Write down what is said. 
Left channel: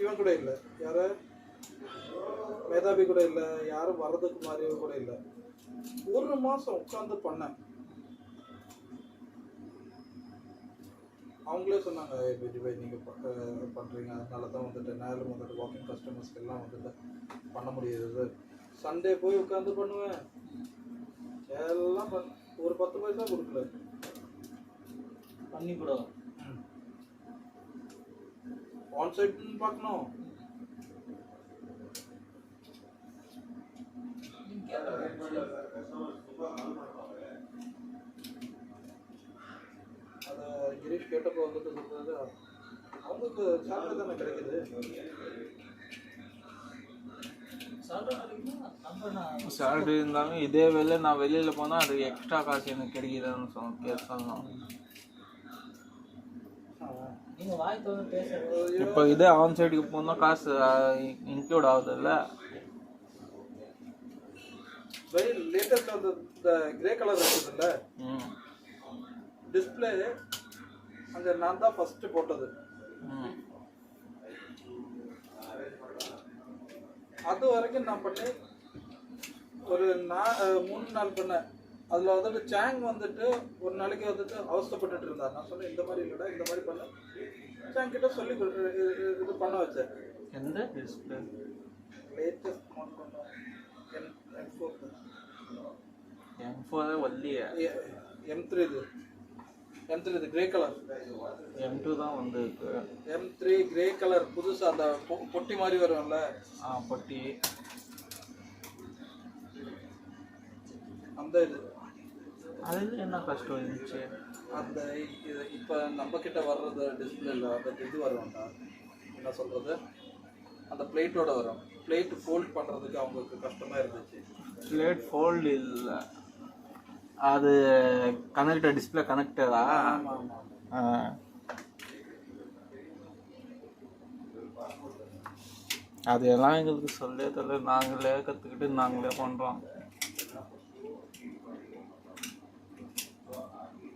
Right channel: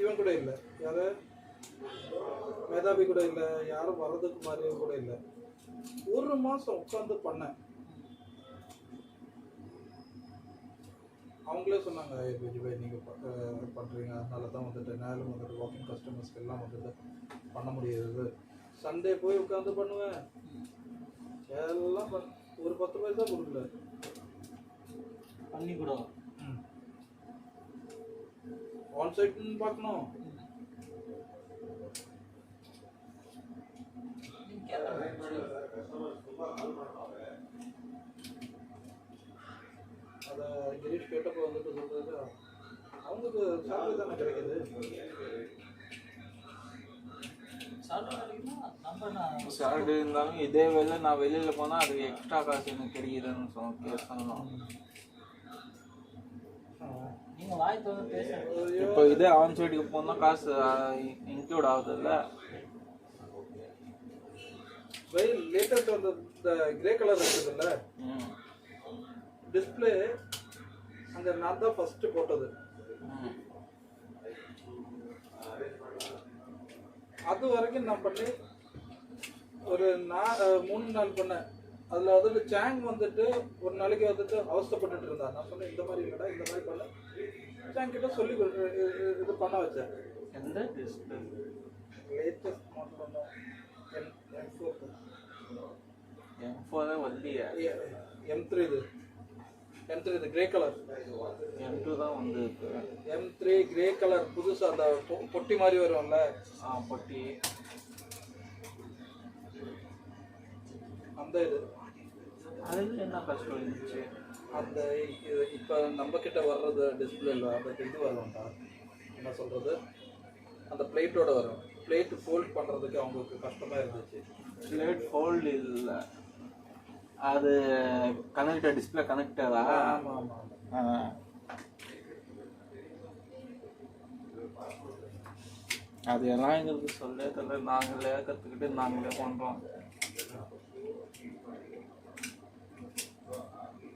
இவன் கூட இல்லை, யாரு மேதாவி கூட இல்லை, யாரும் வர்றதுக்கு மாதிரியும் கூட இல்லை. ஒரு மாதம் உட்காந்து பண்ணேன். அவங்களே சொன்னாங்க, நீங்கள் பண்ணுறீங்க, அதனால தான் வந்துட்டு நேரம் வந்துட்டு வாக்கிங் கஸ்டமர்ஸ்க்கு எல்லாம் வந்துட்டு பண்ண முடியாது. சண்டே போய் உட்காந்து பண்ணுவேன், எல்லாம் ஒரு 10 பைசா கொடுக்கல பண்ணி கூட ஆன் சைட்னு பார்க்கணும். அதை கிரீஷ் கேட்டப்போ வந்துட்டு சொல்றது, அவங்களுக்கு சாப்பிட தானே கிடைக்குது. சேலரி இருந்தாலும் இதே வேலை நான் வெளியில் போனால் அது எக்ஸ்ட்ரா காசு எனக்கு கிடைக்குதுன்னு சொல்லணும். இப்போ இதே ஆன் சைடுக்கு போனால் காசு இன்க்ளூட் ஆகுதுல்ல. லேட்டஸ்ட் வந்து இந்த கிரே கலர் இருக்குதுல்ல டிஸ்பிளே, அங்கே நான் தான் ஃபஸ்ட்டு போட்டது. அது வரைக்கும் நான் பண்ணி ஒரு 3 நாள் பண்ணேன். அதில் வந்துட்டு சேங் வந்துட்டு ஒரு நாளைக்கு வந்துட்டு அவஸ்தப்பட்டுட்டு இருந்தா. நான் சொன்னேன், இந்த மாதிரி இல்லைடா, இந்த மாதிரி பண்ண. சேங் கிட்ட சொல்லி இது பண்ண வச்சேன். எந்த டிஸ்பிளே? லேட்டஸ்ட் ஸ்மார்ட் பண்ணேன், M4 தான் வரலையே. M3 இது கிரே கலர். M2 தான் வந்து M3 கிரே கலர் புதுசாக அந்த பொட்டி மாதிரி வரும்ல. பொட்டி அந்த இது அதில் என்ன கஷ்டம் இருந்துச்சு? அந்த இது இப்போ நம்ம கிட்ட வர்றது டிஸ்பிளேல அந்த இது வரும்டா, என்ன சொல்கிறது, அந்த பிளேட்டோட வரும். பிளேட் ஃபோல்ட் பண்ணுறதுக்கு அவங்களுக்கு கஷ்டமாக இருந்துச்சு. பிளேட் ஃபோல்டு இல்லை, அது கனெக்டர், டிஸ்பிளே கனெக்டரா? ஆமாம் ஆமாம். அதெல்லாம் எங்களுக்கு சொல்லே தெரியல, நாங்களே கற்றுக்கிட்டு நாங்களே பண்ணுறோம்.